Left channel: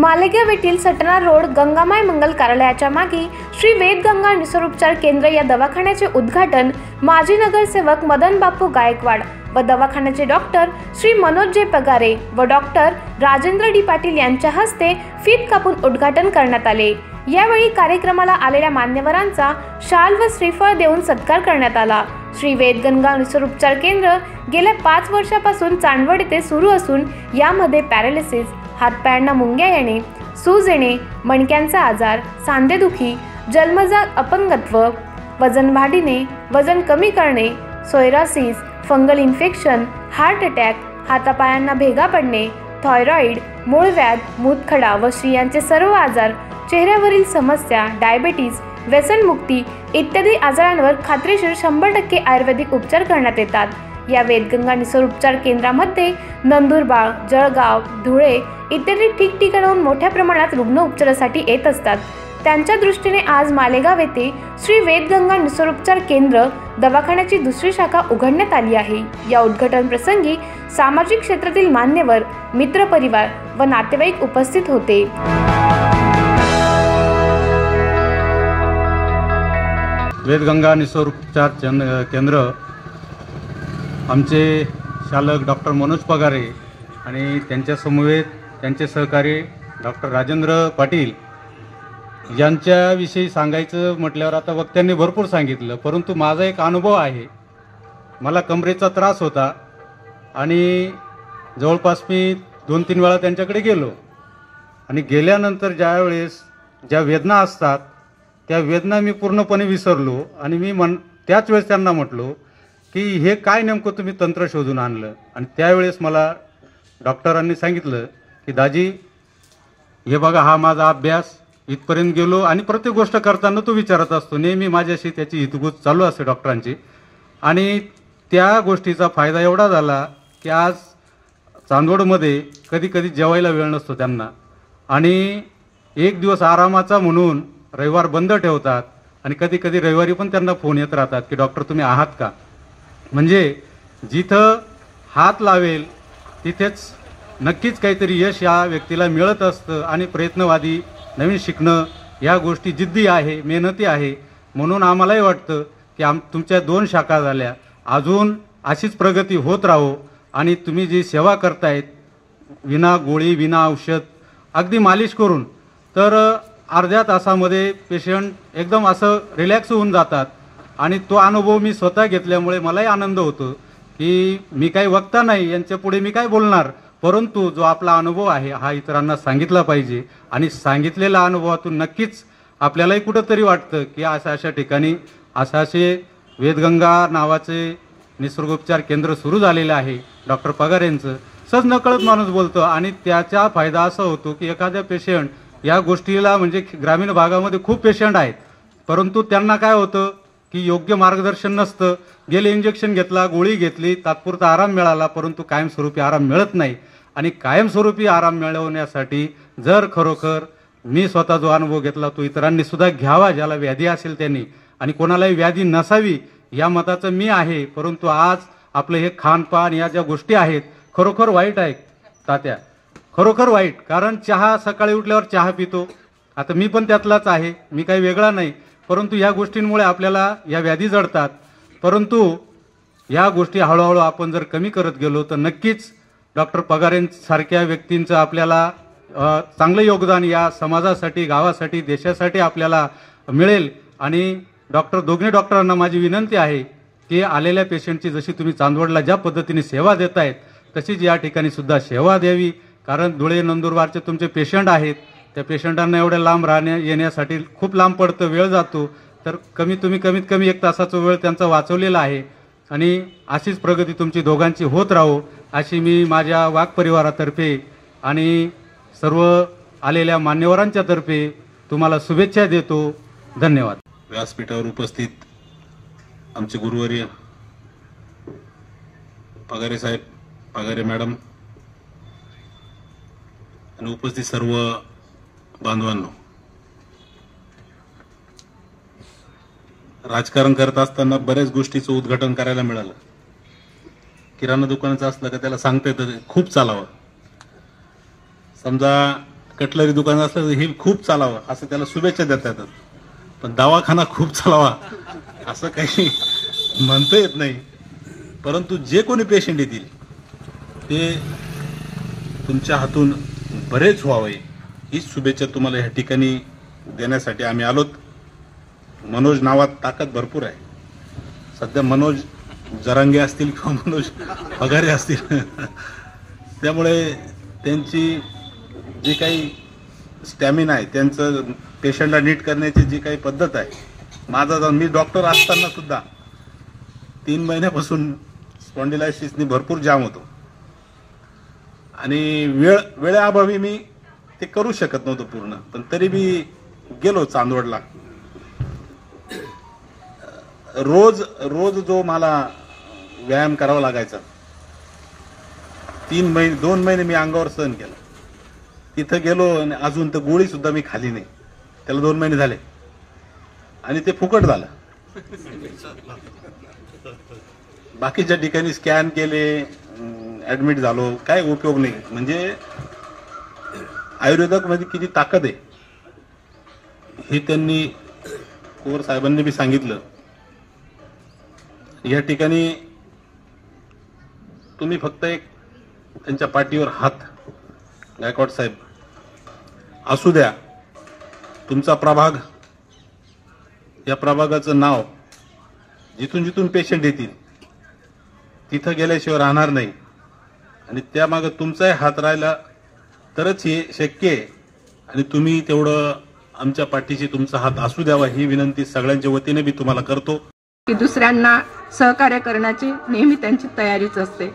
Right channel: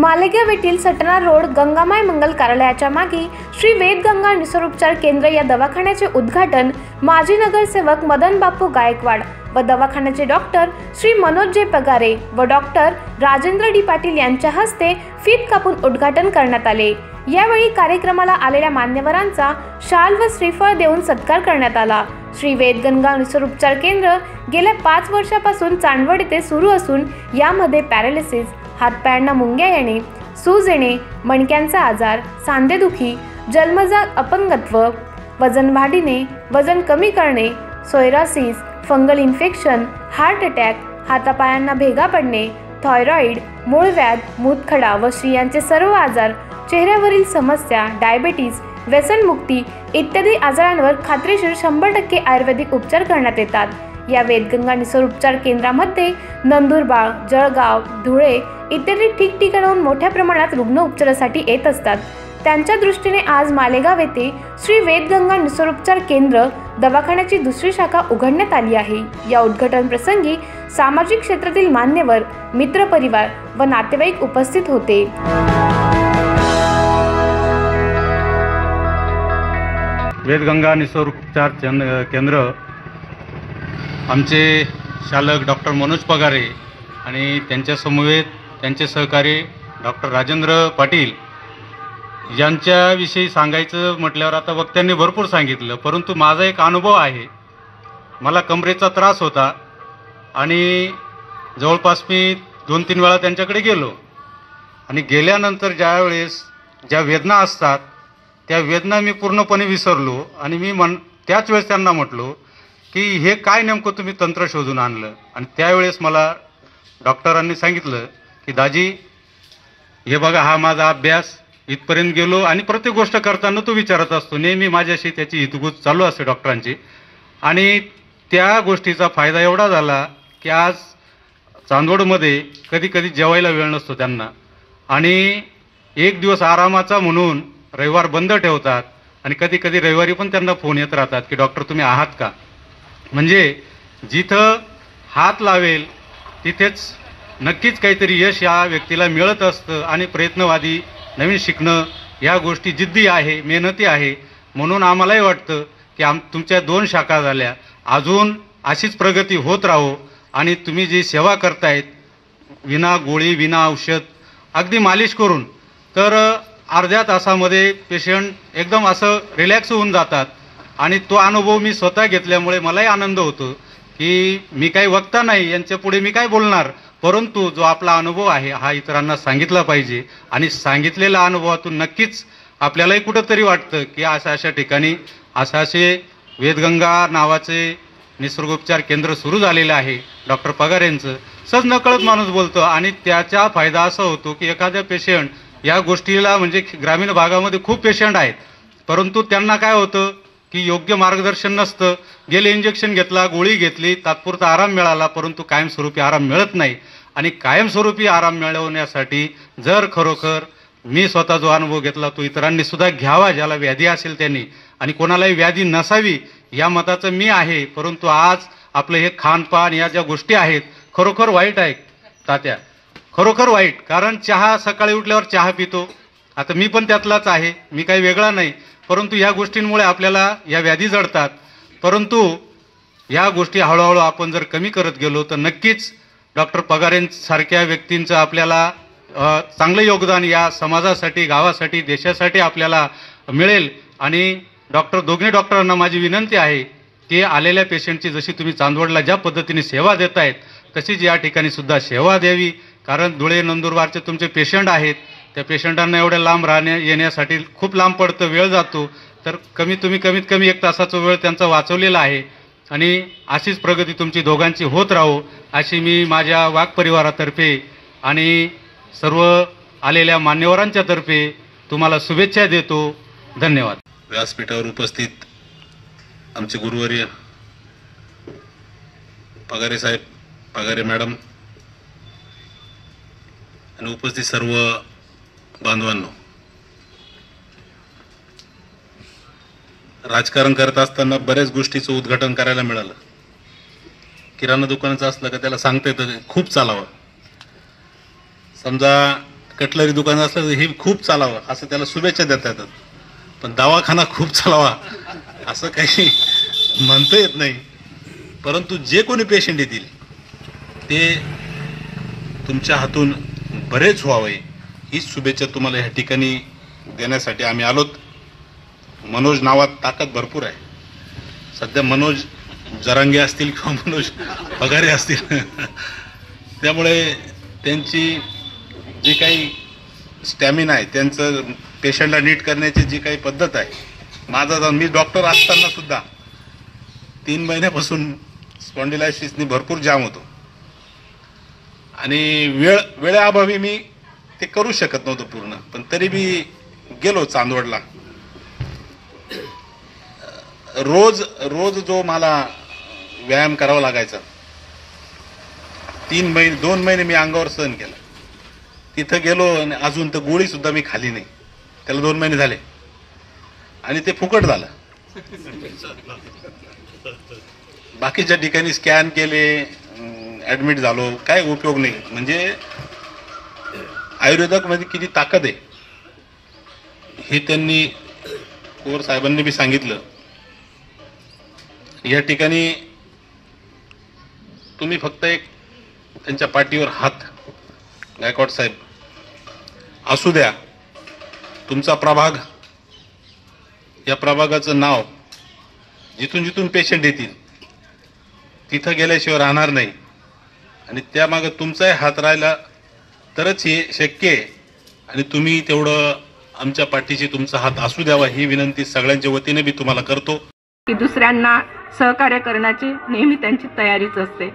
मालेगाव येथील सटना रोड गंगामाई मंगल कार्यालयाच्या मागे श्री वेदगंगा निसर्गोपचार केंद्र या दवाखान्याचे उद्घाटन माजी नगरसेवक मदन बापू गायकवाड व दवाखान्याचे डॉक्टर श्री मनोज जे पगारे व डॉक्टर राजेंद्र डी पाटील यांच्या हस्ते फीत कापून उद्घाटन करण्यात आले। यावेळी कार्यक्रमाला आलेल्या मान्यवरांचा शाल व श्रीफळ देऊन सत्कार करण्यात आला। श्री वेदगंगा निसर्गोपचार केंद्र गेल्या 5 वर्षापासून चांदवड येथे सुरू असून यामध्ये पॅरालिसिस, हातपायांना मुंग्या येणे, सूज येणे, मणक्यांचा आजार, सांधेदुखी, जन्मजात अपंगत्व, वजन वाढणे, वजन कमी करणे, सोयरासिस, फंगल इन्फेक्शन, हार्ट अटॅक, हातापायांना भेगा पडणे, थायरॉइड, मूळव्याध, मूतखडा व स्त्रियांचे सर्व आजार, चेहऱ्यावरील समस्या, डायबिटीज, व्यसनमुक्ती इत्यादी आजारांवर खात्रीशीर 100% आयुर्वेदिक उपचार करण्यात येतात। या वेदगंगा निसर्गोपचार केंद्रामध्ये नंदुरबार, जळगाव, धुळे इत्यादी ठिकठिकाणाहून मोठ्या प्रमाणात रुग्ण उपचारासाठी येत असतात। त्यांच्या दृष्टीने आज मालेगाव येथे श्री वेदगंगा निसर्गोपचार केंद्र दवाखान्याची दुसरी शाखा उघडण्यात आली आहे। या उद्घाटन प्रसंगी सामाजिक क्षेत्रातील मान्यवर, मित्रपरिवार व नातेवाईक उपस्थित होते। वेदगंगा निसर्गोपचार केंद्र आमचे चालक डॉक्टर मनोज पगारे आणि त्यांच्या समवेत त्यांचे सहकारी डॉक्टर राजेंद्र पाटील यांच्याविषयी सांगायचं म्हटल्यावर आता वक्त्यांनी भरपूर सांगितलं, परंतु माझा एक अनुभव आहे। मला कमरेचा त्रास होता आणि जवळपास मी 2-3 वेळा त्यांच्याकडे गेलो आणि गेल्यानंतर ज्या वेदना असतात त्या वेदना मी पूर्णपणे विसरलो आणि मी त्याच वेळेस त्यांना म्हटलो की हे काय नेमकं तुम्ही तंत्र शोधून आणलं। आणि त्यावेळेस मला डॉक्टरांनी सांगितलं की दाजी हे बघा, हा माझा अभ्यास इथपर्यंत गेलो आणि प्रत्येक गोष्ट करताना तो विचारत असतो, नेहमी माझ्याशी त्याची हितगुज चालू असते डॉक्टरांची। आणि त्या गोष्टीचा फायदा एवढा झाला की आज चांदवडमध्ये कधी कधी जेवायला वेळ नसतो त्यांना आणि एक दिवस आरामाचा म्हणून रविवार बंद ठेवतात आणि कधी कधी रविवारी पण त्यांना फोन येत राहतात की डॉक्टर तुम्ही आहात का। म्हणजे जिथं हात लावेल तिथेच नक्कीच काहीतरी यश या व्यक्तीला मिळत असतं आणि प्रयत्नवादी, नवीन शिकणं या गोष्टी जिद्दी आहे, मेहनती आहे। म्हणून आम्हालाही वाटतं की तुमच्या 2 शाखा झाल्या, अजून अशीच प्रगती होत राहो आणि तुम्ही जी सेवा करतायत विना गोळी, विना औषध, अगदी मालिश करून, तर अर्ध्या तासामध्ये पेशंट एकदम असं रिलॅक्स होऊन जातात। आणि तो अनुभव मी स्वतः घेतल्यामुळे मलाही आनंद होतो की मी काही वक्ता नाही, यांच्या पुढे मी काय बोलणार, परंतु जो आपला अनुभव आहे हा इतरांना सांगितला पाहिजे आणि सांगितलेल्या अनुभवातून नक्कीच आपल्यालाही कुठंतरी वाटतं की अशा ठिकाणी असे वेदगंगा नावाचे निसर्गोपचार केंद्र सुरू झालेलं आहे। डॉक्टर पगार यांचं सहज नकळत माणूस बोलतो आणि त्याचा फायदा असा होतो की एखाद्या पेशंट या गोष्टीला, म्हणजे ग्रामीण भागामध्ये खूप पेशंट आहेत परंतु त्यांना काय होतं की योग्य मार्गदर्शन नसतं। गेले इंजेक्शन घेतला, गोळी घेतली, तात्पुरता आराम मिळाला, परंतु कायमस्वरूपी आराम मिळत नाही। आणि कायमस्वरूपी आराम मिळवण्यासाठी जर खरोखर मी स्वतः जो अनुभव घेतला तो इतरांनी सुद्धा घ्यावा, ज्याला व्याधी असेल त्यांनी, आणि कोणालाही व्याधी नसावी या मताचं मी आहे। परंतु आज आपलं हे खानपान या ज्या गोष्टी आहेत खरोखर वाईट आहे तात्या, खरोखर वाईट। कारण चहा सकाळी उठल्यावर चहा पितो, आता मी पण त्यातलाच आहे, मी काही वेगळा नाही, परंतु या गोष्टींमुळे आपल्याला या व्याधी जडतात। परंतु या गोष्टी हळूहळू आपण जर कमी करत गेलो तर नक्कीच डॉक्टर पगारेंसारख्या व्यक्तींचं आपल्याला चांगलं योगदान या समाजासाठी, गावासाठी, देशासाठी आपल्याला मिळेल। आणि दोन्ही डॉक्टरांना माझी विनंती आहे की आलेल्या पेशंटची जशी तुम्ही चांदवडला ज्या पद्धतीने सेवा देतायत तशीच या ठिकाणी सुद्धा सेवा द्यावी। कारण धुळे, नंदुरबारचे तुमचे पेशंट आहेत, त्या पेशंटांना एवढ्या लांब येण्यासाठी खूप लांब पडतं, वेळ जातो, तर कमीत कमी 1 तासाचा वेळ त्यांचा वाचवलेला आहे। आणि अशीच प्रगती तुमची दोघांची होत राहो अशी मी माझ्या वाघ परिवारातर्फे आणि सर्व आलेल्या मान्यवरांच्या तर्फे तुम्हाला शुभेच्छा देतो। धन्यवाद। व्यासपीठावर उपस्थित आमचे गुरुवर्य पगारे साहेब, पगारे मॅडम आणि उपस्थित सर्व बांधवांनो, राजकारण करत असताना बऱ्याच गोष्टीचं उद्घाटन करायला मिळालं। किराणा दुकानाचं असलं का त्याला सांगता येतं खूप चालावं, समजा कटलरी दुकान असलं तर हे खूप चालावं असं त्याला शुभेच्छा देता येतात, पण दवाखाना खूप चालावा असं काही म्हणता येत नाही. परंतु जे कोणी पेशंट येतील ते तुमच्या हातून बरेच व्हावे हीच शुभेच्छा तुम्हाला ह्या ठिकाणी देण्यासाठी आम्ही आलोत. मनोज नावात ताकद भरपूर आहे. सध्या मनोज जरांगे असतील किंवा मनोज पगारे असतील त्यामुळे त्यांची जी काही स्टॅमिना आहे, त्यांचं पेशंटला नीट करण्याची जी काही पद्धत आहे, माझा जाऊन मी डॉक्टर असताना सुद्धा 3 महिन्यापासून स्पॉन्डिलायसिसनी भरपूर जाम होतो आणि वेळेअभावी मी ते करू शकत नव्हतं पूर्ण, पण तरी मी गेलो चांदवडला. रोज जो मला व्यायाम करावा लागायचा 2 महिने मी अंगावर सहन केला. तिथं गेलो आणि अजून तर गोळी सुद्धा मी खाली नाही. त्याला 2 महिने झाले आणि ते फुकट झालं. बाकीच्या ठिकाणी स्कॅन केले, ऍडमिट झालो, काय उपयोग नाही. म्हणजे आयुर्वेदात मध्ये किती ताकद आहे हे त्यांनी कोर साहेबांनी बी सांगितलं. या ठिकाणी तुम्ही फक्त एक त्यांच्या पाठीवर हात, गायकवाड साहेब असू द्या. तुमचा प्रभाग, या प्रभागाचं नाव जिथून जिथून पेशंट येतील तिथं गेल्याशिवाय राहणार नाही आणि त्यामागे तुमचाही हात राहिला तरच हे शक्य आहे. आणि तुम्ही तेवढं आमच्या पाठीशी तुमचा हात असू द्यावा ही विनंती सगळ्यांच्या वतीने मी तुम्हाला करतो. की दुसऱ्यांना सहकार्य करण्याची नेहमी त्यांची तयारीच असते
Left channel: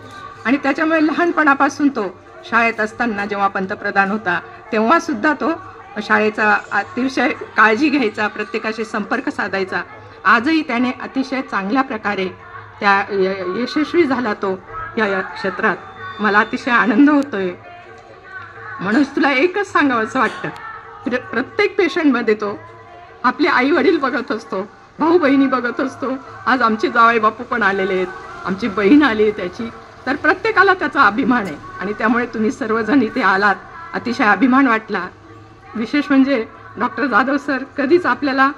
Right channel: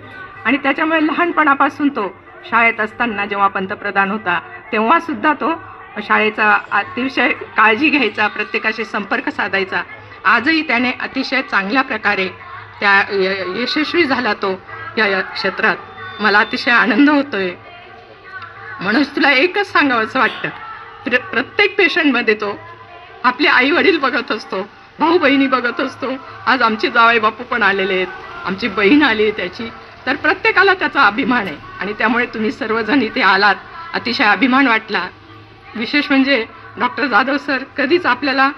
आणि त्याच्यामुळे लहानपणापासून तो शाळेत असताना जेव्हा पंतप्रधान होता तेव्हा सुद्धा तो शाळेचा अतिशय काळजी घ्यायचा, प्रत्येकाशी संपर्क साधायचा. आजही त्याने अतिशय चांगल्या प्रकारे त्या यशस्वी झाला तो या क्षेत्रात. मला अतिशय आनंद होतोय. म्हणून तुला एकच सांगावं असं वाटतं, प्रत्येक पेशंटमध्ये तो आपले आई वडील बघत असतो, भाऊ बहिणी बघत असतो. आज आमचे जावई बापू पण आलेले आहेत, आमची बहीण आली आहे त्याची, तर प्रत्येकाला त्याचा अभिमान आहे आणि त्यामुळे तुम्ही सर्वजण इथे आलात, अतिशय अभिमान वाटला. विशेष म्हणजे डॉक्टर जाधव सर, कधीच आपल्याला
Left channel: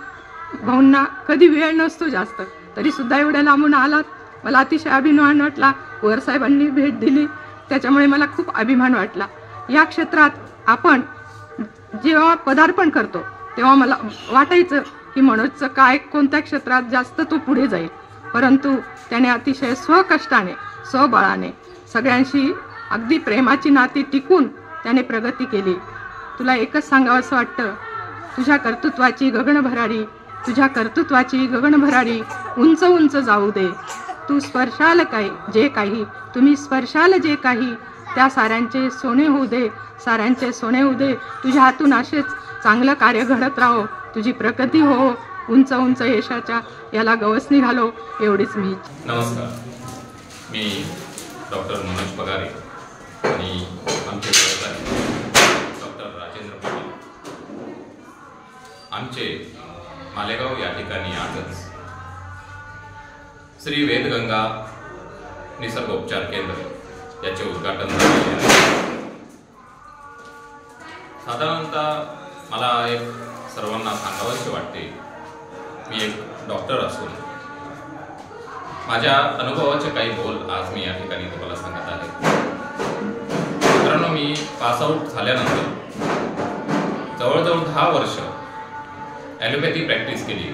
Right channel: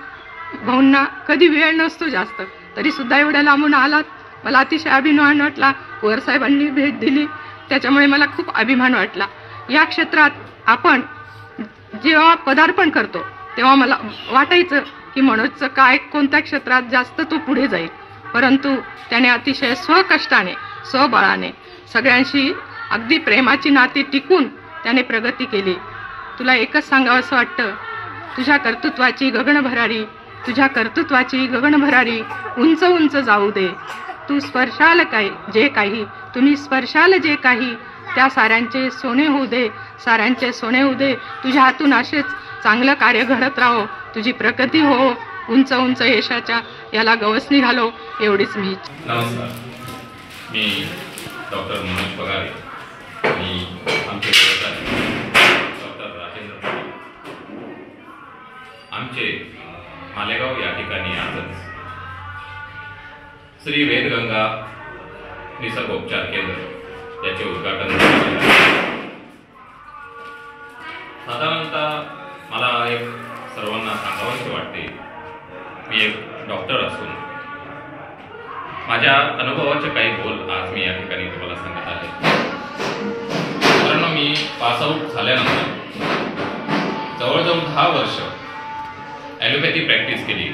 भाऊंना कधी वेळ नसतो जास्त, तरी सुद्धा एवढ्या लांबून आलात, मला अतिशय अभिमान वाटला. वर साहेबांनी भेट दिली त्याच्यामुळे मला खूप अभिमान वाटला. या क्षेत्रात आपण जेव्हा पदार्पण करतो तेव्हा मला वाटायचं की मनोजचं काय कोणत्या क्षेत्रात जास्त तो पुढे जाईल, परंतु त्याने अतिशय स्वकष्टाने स्वबळाने सगळ्यांशी अगदी प्रेमाची नाती टिकून त्याने प्रगती केली. तुला एकच सांगावं असं वाटतं, तुझ्या कर्तृत्वाची गगनभरारी उंच उंच जाऊ दे. तू स्पर्शाल तुम्ही स्पर्शाल जे काही त्या साऱ्यांचे सोने होऊ दे. तुझ्या हातून असेच चांगलं कार्य घडत राहो, तुझी प्रगती हो, उंच उंच यशाच्या याला गवसणी घालो, एवढीच मी. नमस्कार, मी डॉक्टर मनोज पगारे आणि आमचे डॉक्टर राजेंद्र पाटील. आमचे मालेगाव या ठिकाणी आजच श्री वेदगंगा निसर्गोपचार केंद्र याचे उद्घाटन झाले आहे. साधारणतः मला एक सर्वांना सांगावंसे वाटते, मी एक डॉक्टर असून माझ्या अनुभवाचे काही बोल आज मी या ठिकाणी तुम्हाला सांगत आहे. मित्रांनो, मी पासआउट झाल्यानंतर जवळजवळ 10 वर्ष ॲलोपॅथी प्रॅक्टिस केली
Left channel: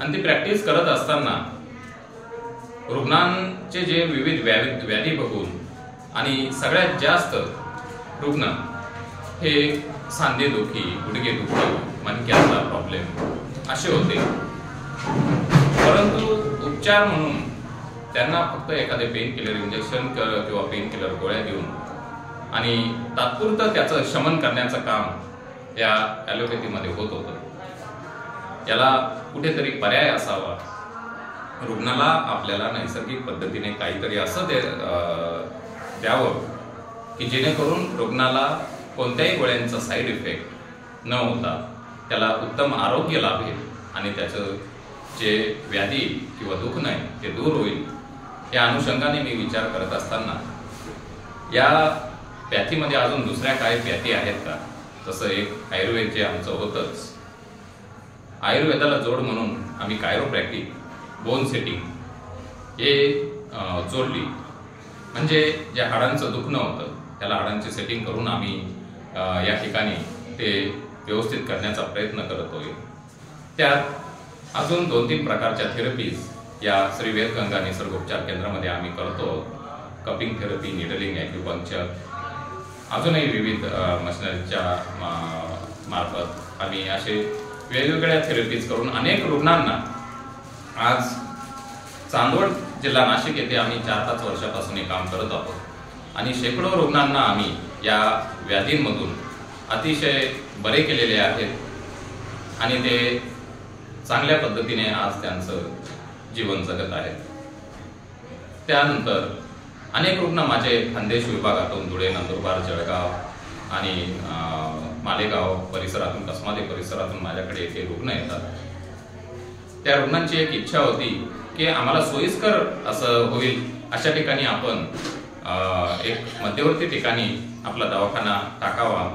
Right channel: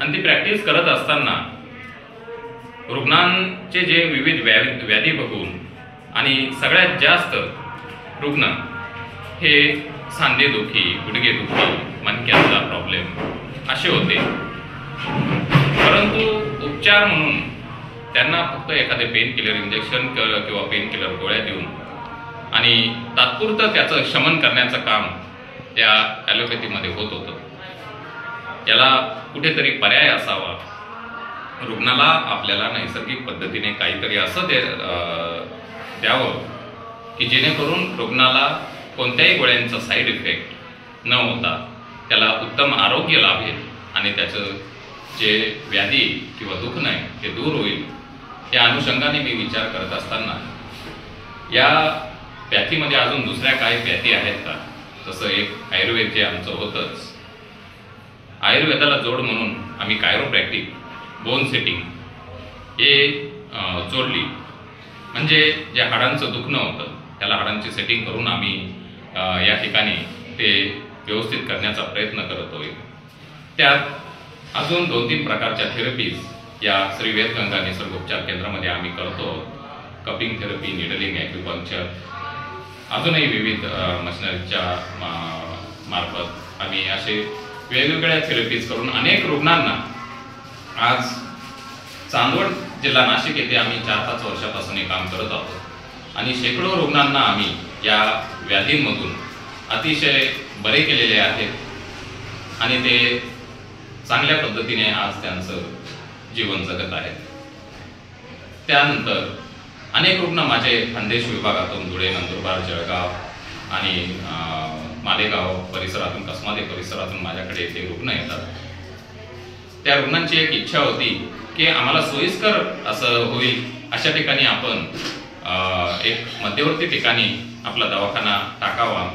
आणि ती प्रॅक्टिस करत असताना रुग्णांचे जे विविध व्याधी बघून आणि सगळ्यात जास्त रुग्ण हे सांधेदुखी, गुडघेदुखी, मणक्यातला प्रॉब्लेम असे होते. परंतु उपचार म्हणून त्यांना फक्त एखादे पेन किलर इंजेक्शन किंवा पेन किलर गोळ्या देऊन आणि तात्पुरतं त्याचं शमन करण्याचं काम या ॲलोपॅथीमध्ये होत होतं. याला कुठेतरी पर्याय असावा, रुग्णाला आपल्याला नैसर्गिक पद्धतीने काहीतरी असं द्यावं की जेणेकरून रुग्णाला कोणत्याही गोळ्यांचा साईड इफेक्ट न होता त्याला उत्तम आरोग्य लाभेल आणि त्याचं जे व्याधी किंवा दुखणं आहे ते दूर होईल. या अनुषंगाने मी विचार करत असताना या पॅथीमध्ये अजून दुसऱ्या काही पॅथी आहेत का, तसं एक आयुर्वेद जे आमचं होतंच, आयुर्वेदाला जोड म्हणून आम्ही कायरोप्रॅक्टिक, बोन सेटिंग हे जोडली. म्हणजे जे हाडांचं दुखणं होतं त्याला हाडांची सेटिंग करून आम्ही या ठिकाणी ते व्यवस्थित करण्याचा प्रयत्न करत होतो. त्यात अजून 2-3 प्रकारच्या थेरपीज या श्री वेदगंगा निसर्गोपचार केंद्रामध्ये आम्ही करतो. कपिंग थेरपी, निडलिंग, ॲक्युपंक्चर, अजूनही विविध मशिनरीच्या मार्फत आम्ही असे वेगवेगळ्या थेरपीज करून अनेक रुग्णांना, आज चांदवड जिल्हा नाशिक येथे आम्ही 4-5 वर्षापासून हे काम करत आहोत आणि शेकडो रुग्णांना आम्ही या व्याधींमधून अतिशय बरे केलेले आहेत आणि ते चांगल्या पद्धतीने आज त्यांचं जीवन जगत आहेत. त्यानंतर अनेक रुग्ण माझे खानदेश विभागातून, धुळे, नंदुरबार, जळगाव आणि मालेगाव परिसरातून, कसमादे परिसरातून माझ्याकडे येथे रुग्ण येतात. त्या रुग्णांची एक इच्छा होती की आम्हाला सोयीस्कर असं होईल अशा ठिकाणी आपण एक मध्यवर्ती ठिकाणी आपला दवाखाना टाकावा,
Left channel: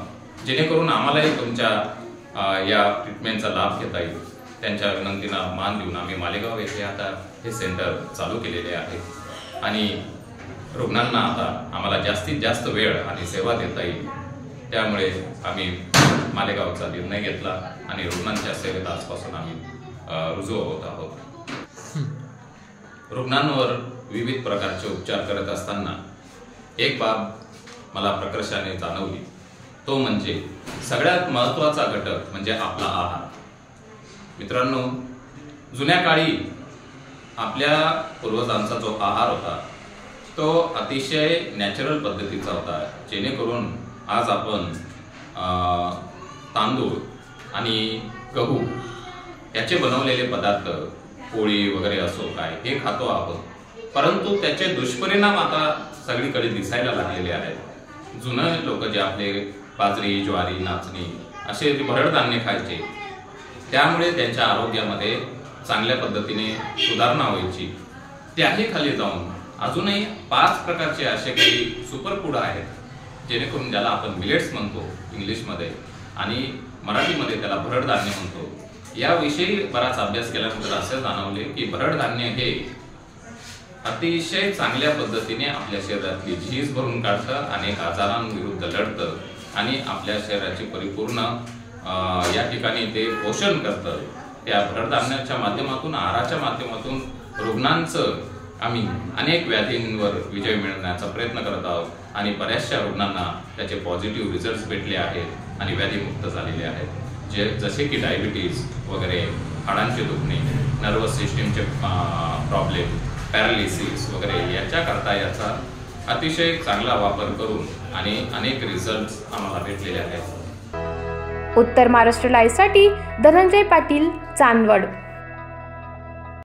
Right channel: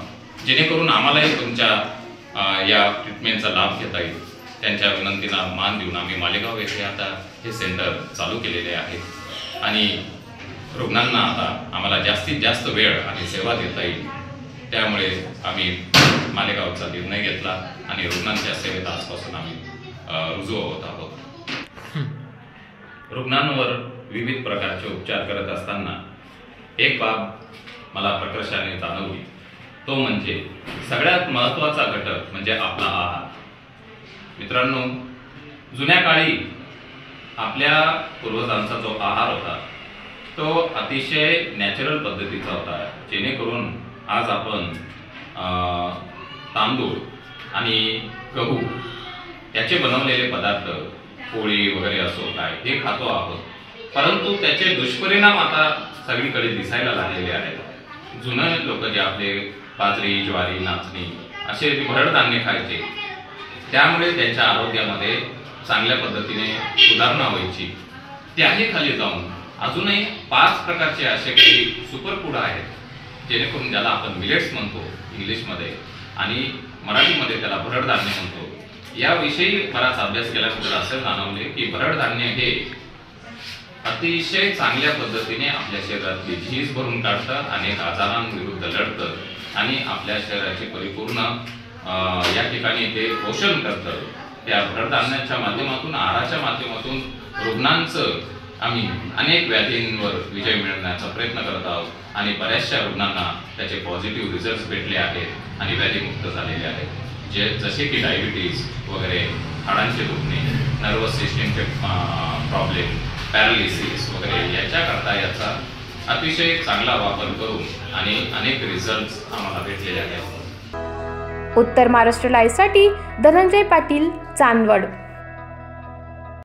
जेणेकरून आम्हालाही तुमच्या या ट्रीटमेंटचा लाभ घेता येईल. त्यांच्या विनंतीला मान देऊन आम्ही मालेगाव येथे आता हे सेंटर चालू केलेले आहे आणि रुग्णांना आता आम्हाला जास्तीत जास्त वेळ आणि सेवा देता येईल. त्यामुळे आम्ही मालेगावचा निर्णय घेतला आणि रुग्णांच्या सेवेत आजपासून आम्ही रुजू होत आहोत. रुग्णांवर विविध प्रकारचे उपचार करत असताना एक बाब मला प्रकर्षाने जाणवली, तो म्हणजे सगळ्यात महत्त्वाचा घटक म्हणजे आपला आहार. मित्रांनो, जुन्या काळी आपल्या पूर्वजांचा जो आहार होता तो अतिशय नॅचरल पद्धतीचा होता, जेणेकरून आज आपण तांदूळ आणि गहू याचे बनवलेले पदार्थ, पोळी वगैरे असो काय, हे खातो आहोत. परंतु त्याचे दुष्परिणाम आता सगळीकडे दिसायला लागलेले आहेत. जुने लोक जे आपले बाजरी, ज्वारी, नाचणी असे भरड धान्य खायचे, त्यामुळे त्यांच्या आरोग्यामध्ये चांगल्या पद्धतीने सुधारणा व्हायची. त्याही खाली जाऊन अजूनही 5 प्रकारचे असे काही सुपर फूड आहेत, जेणेकरून ज्याला आपण मिलेट्स म्हणतो इंग्लिशमध्ये आणि मराठीमध्ये त्याला भरड धान्य म्हणतो. याविषयी बराच अभ्यास केल्यानंतर असं जाणवले की भरड धान्य हे अतिशय चांगल्या पद्धतीने आपल्या शरीरातली झीज भरून काढतं, अनेक आजारांविरुद्ध लढतं आणि आपल्या शरीराची परिपूर्ण या ठिकाणी ते पोषण करतं. त्या भरड धान्याच्या माध्यमातून, आहाराच्या माध्यमातून रुग्णांचं आम्ही अनेक व्याधींवर विजय मिळवण्याचा प्रयत्न करत आहोत आणि बऱ्याचशा रुग्णांना त्याचे पॉझिटिव्ह रिझल्ट भेटले आहेत आणि व्याधीमुक्त झालेले आहेत. जसे की डायबिटीज वगैरे, हाडांचे दुखणे, नर्वस सिस्टीमचे प्रॉब्लेम, पॅरालिसिस वगैरे, याच्याकरता याचा अतिशय चांगला वापर करून आणि अनेक रिझल्ट आम्हाला भेटलेले आहेत. उत्तर महाराष्ट्र लाईव्हसाठी धनंजय पाटील, चांदवड.